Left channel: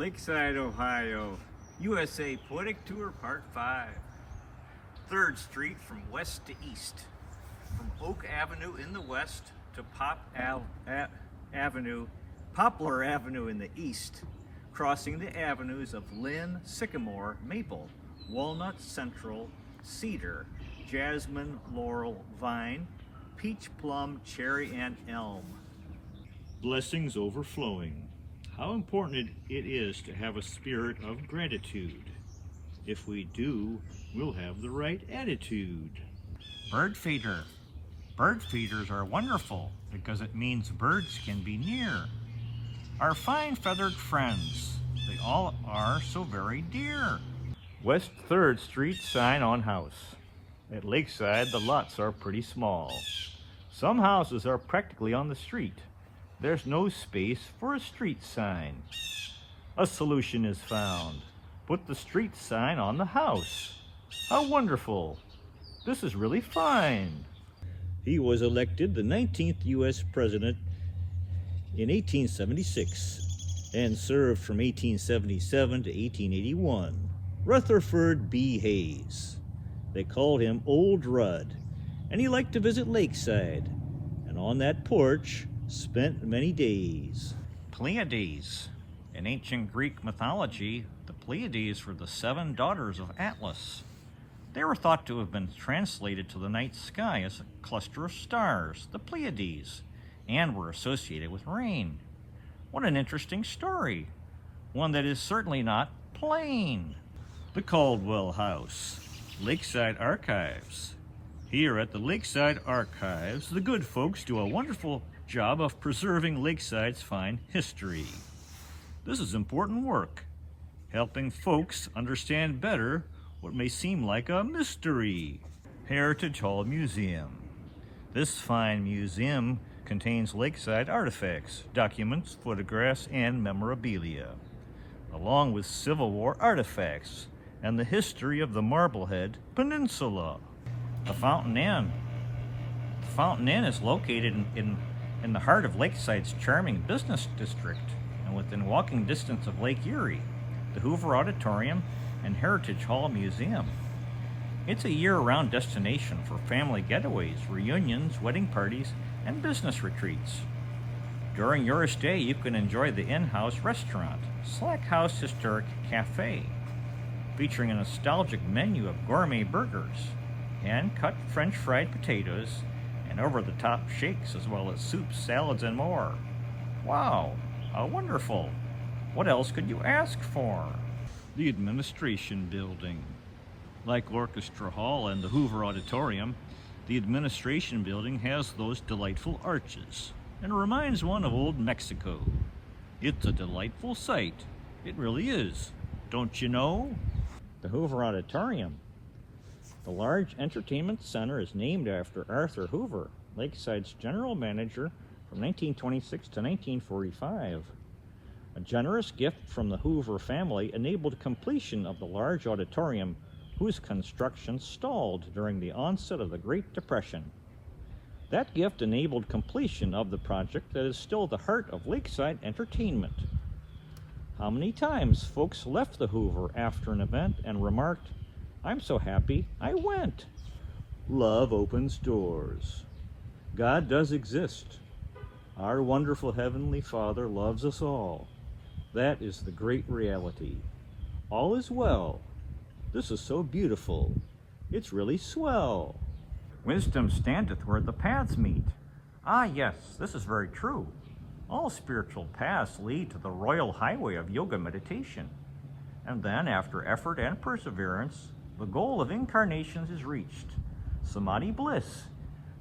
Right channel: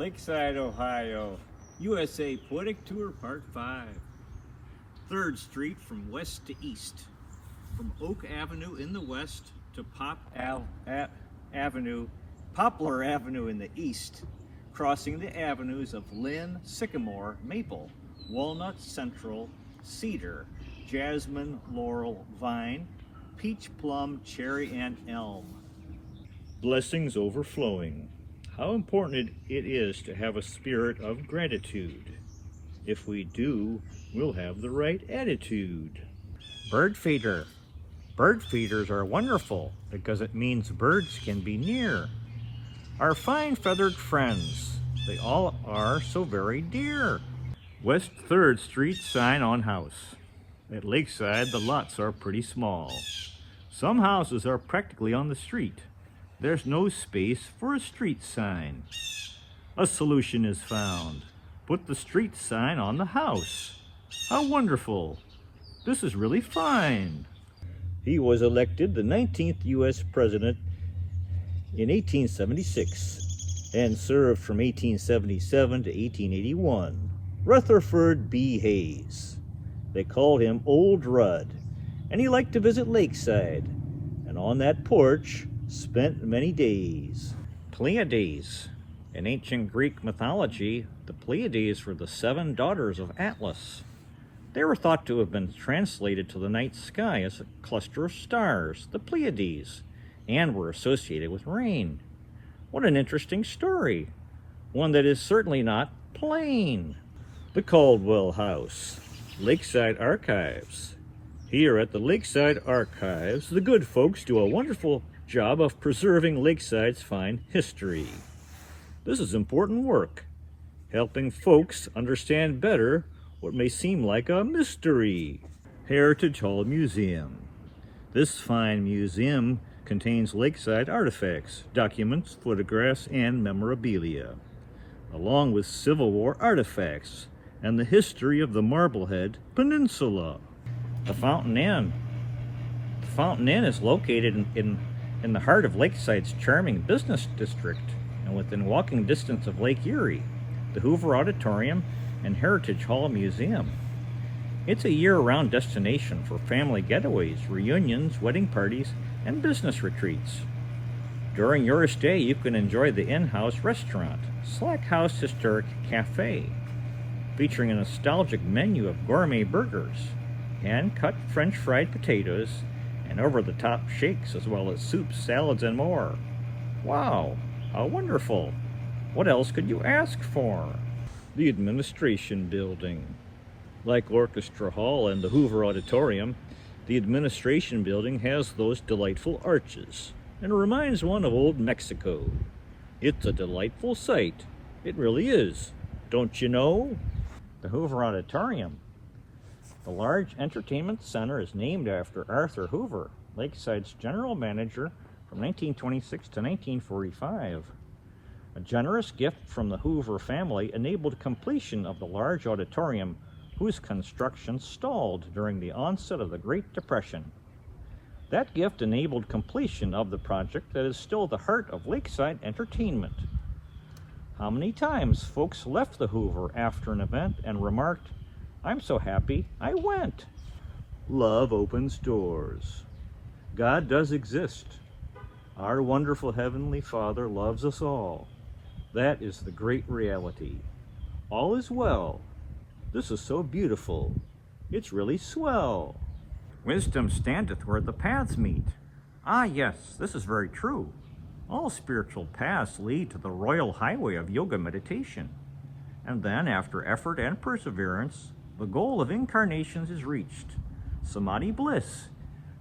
Lakeside, Ohio, USA Poetic Tour Part 5. 3rd Street from west to east. From Oak Avenue in the west to Poplar Avenue in the east, crossing the avenues of Lynn, Sycamore, Maple, Walnut, Central, Cedar, Jasmine, Laurel, Vine, Peach, Plum, Cherry, and Elm. Blessings overflowing. How important it is to have a spirit of gratitude. If we do, we'll have the right attitude. Bird feeder. Bird feeders are wonderful because it means birds can be near. Our fine feathered friends, they all are so very dear. West 3rd Street sign on house. At Lakeside, the lots are pretty small. Some houses are practically on the street. There's no space for a street sign. A solution is found. Put the street sign on the house. How wonderful. This is really fine. He was elected the 19th U.S. President in 1876 and served from 1877 to 1881. Rutherford B. Hayes. They called him Old Rudd, and he liked to visit Lakeside, and on that porch spent many days. Pleiades. In ancient Greek mythology, the Pleiades were the 7 daughters of Atlas. They were thought to have been translated to the night sky as a cluster of stars, the Pleiades, and were associated with rain. What an interesting story. One that is certainly not plain. The Caldwell House. Lakeside Archives. Here at the Lakeside Archives, the good folks do a wonderful job of preserving Lakeside's fine history. This is important work, helping folks understand better what may seem like a mystery. Heritage Hall Museum. This fine museum contains Lakeside artifacts, documents, photographs, and memorabilia, along with Civil War artifacts and the history of the Marblehead Peninsula. The Fountain Inn. The Fountain Inn is located in the heart of Lakeside's charming business district and within walking distance of Lake Erie, the Hoover Auditorium, and Heritage Hall Museum. It's a year-round destination for family getaways, reunions, wedding parties, and business retreats. During your stay, you can enjoy the in-house restaurant, Slack House Historic Cafe, featuring a nostalgic menu of gourmet burgers, hand-cut French fried potatoes, and over-the-top shakes, as well as soups, salads, and more. Wow, how wonderful! What else could you ask for? The Administration Building. Like Orchestra Hall and the Hoover Auditorium, the Administration Building has those delightful arches, and reminds one of old Mexico. It's a delightful sight. It really is. Don't you know? The Hoover Auditorium. The large entertainment center is named after Arthur Hoover, Lakeside's general manager from 1926 to 1945. A generous gift from the Hoover family enabled completion of the large auditorium, whose construction stalled during the onset of the Great Depression. That gift enabled completion of the project that is still the heart of Lakeside entertainment. How many times folks left the Hoover after an event and remarked, "I'm so happy I went." Love opens doors. God does exist. Our wonderful Heavenly Father loves us all. That is the great reality. All is well. This is so beautiful. It's really swell. Wisdom standeth where the paths meet. Ah, yes, this is very true. All spiritual paths lead to the royal highway of yoga meditation. And then, after effort and perseverance, the goal of incarnations is reached. Samadhi bliss,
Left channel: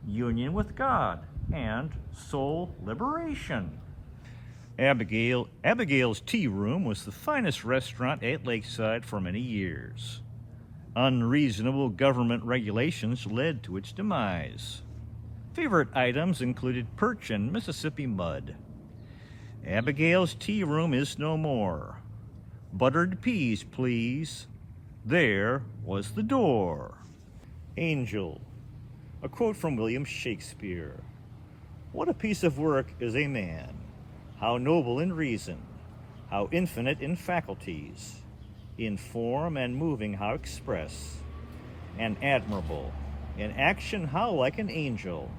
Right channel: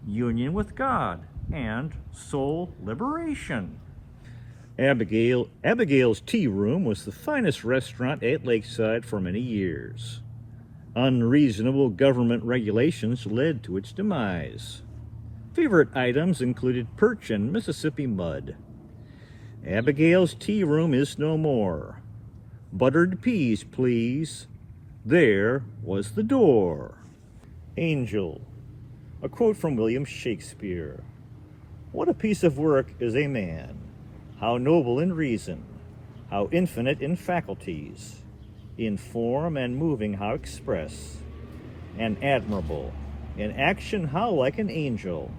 union with God, and soul liberation. Abigail's Tea Room was the finest restaurant at Lakeside for many years. Unreasonable government regulations led to its demise. Favorite items included perch and Mississippi mud. Abigail's Tea Room is no more. Buttered peas, please. There was the door. Angel. A quote from William Shakespeare. What a piece of work is a man, how noble in reason, how infinite in faculties, in form and moving how express, and admirable, in action how like an angel,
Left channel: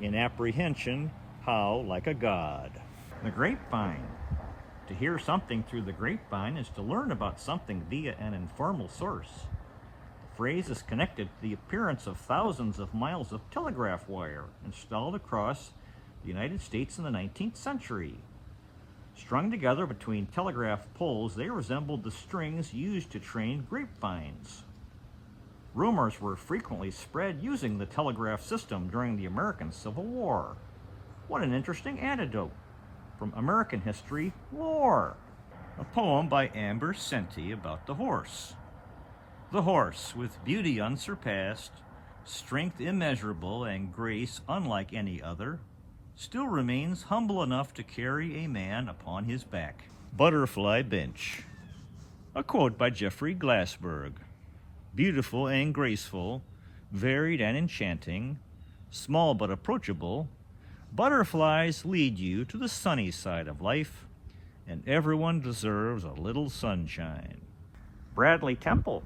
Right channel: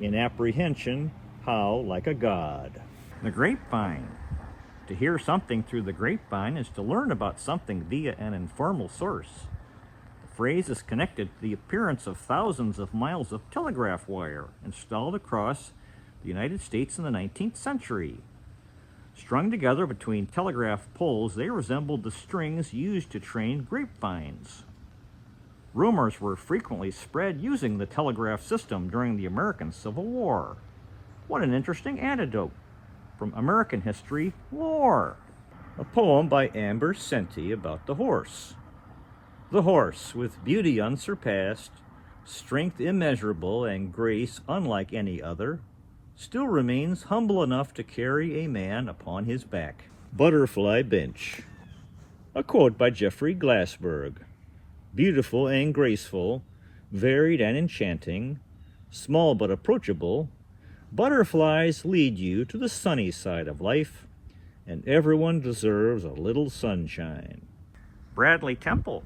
in apprehension how like a god. The grapevine. To hear something through the grapevine is to learn about something via an informal source. The phrase is connected to the appearance of thousands of miles of telegraph wire installed across the United States in the 19th century. Strung together between telegraph poles, they resembled the strings used to train grapevines. Rumors were frequently spread using the telegraph system during the American Civil War. What an interesting anecdote from American history lore. A poem by Amber Senti about the horse. The horse, with beauty unsurpassed, strength immeasurable, and grace unlike any other, still remains humble enough to carry a man upon his back. Butterfly Bench. A quote by Jeffrey Glassberg. Beautiful and graceful, varied and enchanting, small but approachable, butterflies lead you to the sunny side of life, and everyone deserves a little sunshine. Bradley Temple.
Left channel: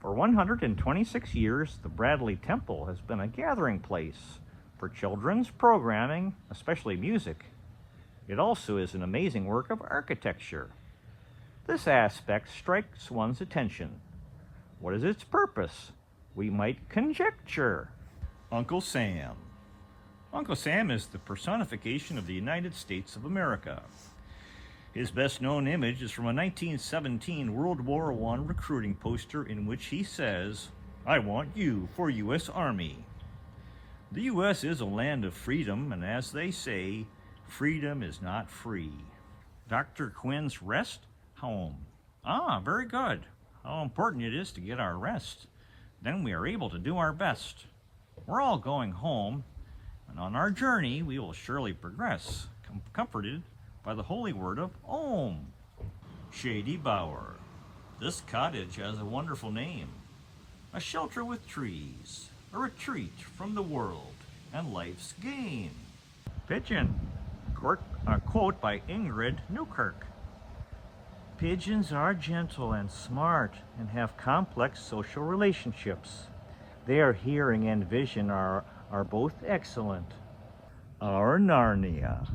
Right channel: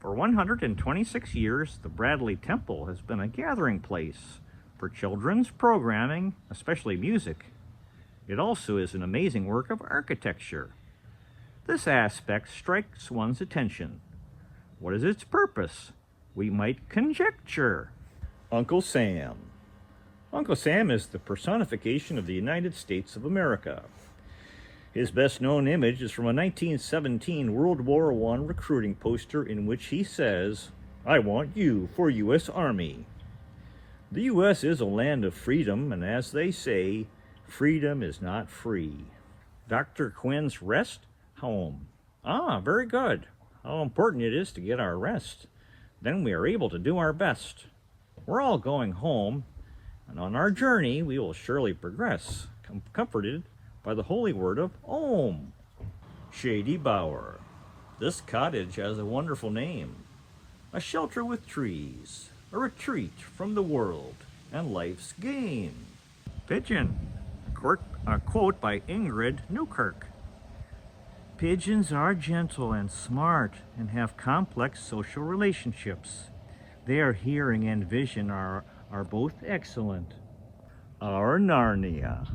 For 126 years, the Bradley Temple has been a gathering place for children's programming, especially music. It also is an amazing work of architecture. This aspect strikes one's attention. What is its purpose? We might conjecture. Uncle Sam. Uncle Sam is the personification of the United States of America. His best-known image is from a 1917 World War I recruiting poster in which he says, "I want you for U.S. Army." The U.S. is a land of freedom, and as they say, freedom is not free. Dr. Quinn's rest home. Very good. How important it is to get our rest. Then we are able to do our best. We're all going home, and on our journey we will surely progress, comforted by the holy word of Om. Shady Bower. This cottage has a wonderful name. A shelter with trees, a retreat from the world and life's game. Pigeon. A quote by Ingrid Newkirk. Pigeons are gentle and smart and have complex social relationships. Their hearing and vision are both excellent. Our Narnia.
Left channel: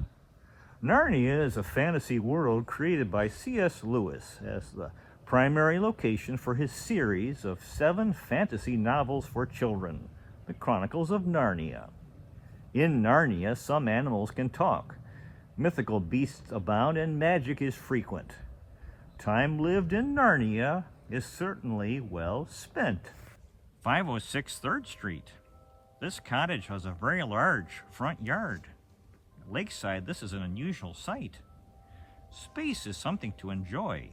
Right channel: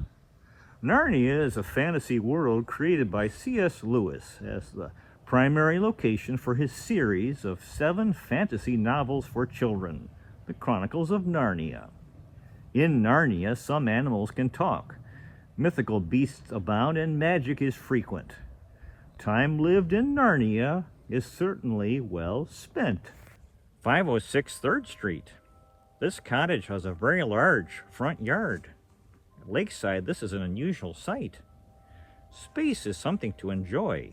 Narnia is a fantasy world created by C.S. Lewis as the primary location for his series of 7 fantasy novels for children, The Chronicles of Narnia. In Narnia, some animals can talk, mythical beasts abound, and magic is frequent. Time lived in Narnia is certainly well spent. 506 3rd Street. This cottage has a very large front yard. At Lakeside, this is an unusual sight. Space is something to enjoy,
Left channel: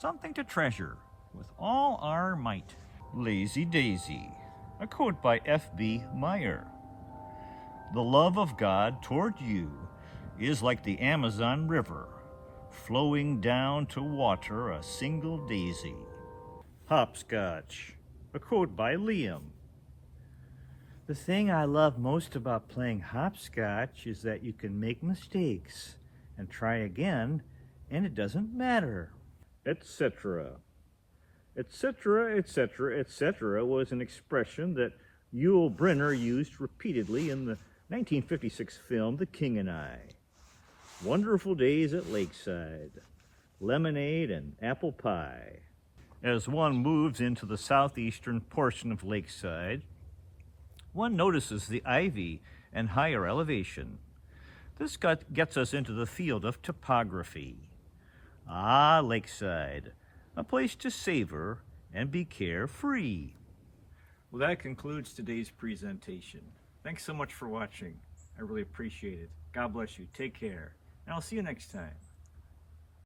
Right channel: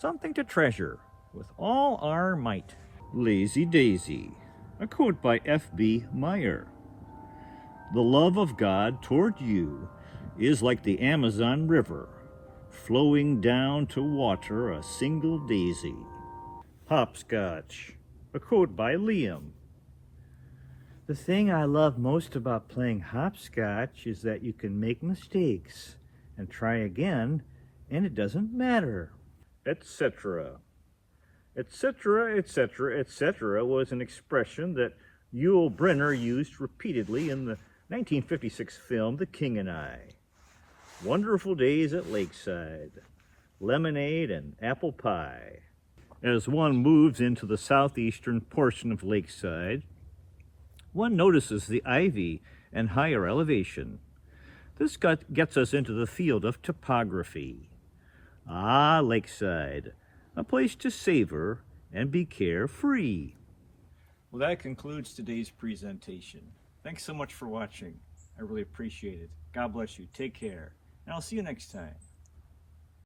something to treasure with all our might. Lazy Daisy. A quote by F.B. Meyer. The love of God toward you is like the Amazon River, flowing down to water a single daisy. Hopscotch. A quote by Liam. The thing I love most about playing hopscotch is that you can make mistakes and try again, and it doesn't matter. Etc. Etc., etc., etc. was an expression that Yul Brynner used repeatedly in the 1956 film The King and I. Wonderful days at Lakeside, lemonade and apple pie. As one moves into the southeastern portion of Lakeside, one notices the ivy and higher elevation. This gets us into the field of topography. Lakeside, a place to savor and be carefree. Well, that concludes today's presentation. Thanks so much for watching. I really appreciate it. God bless you. Take care. And I'll see you next time.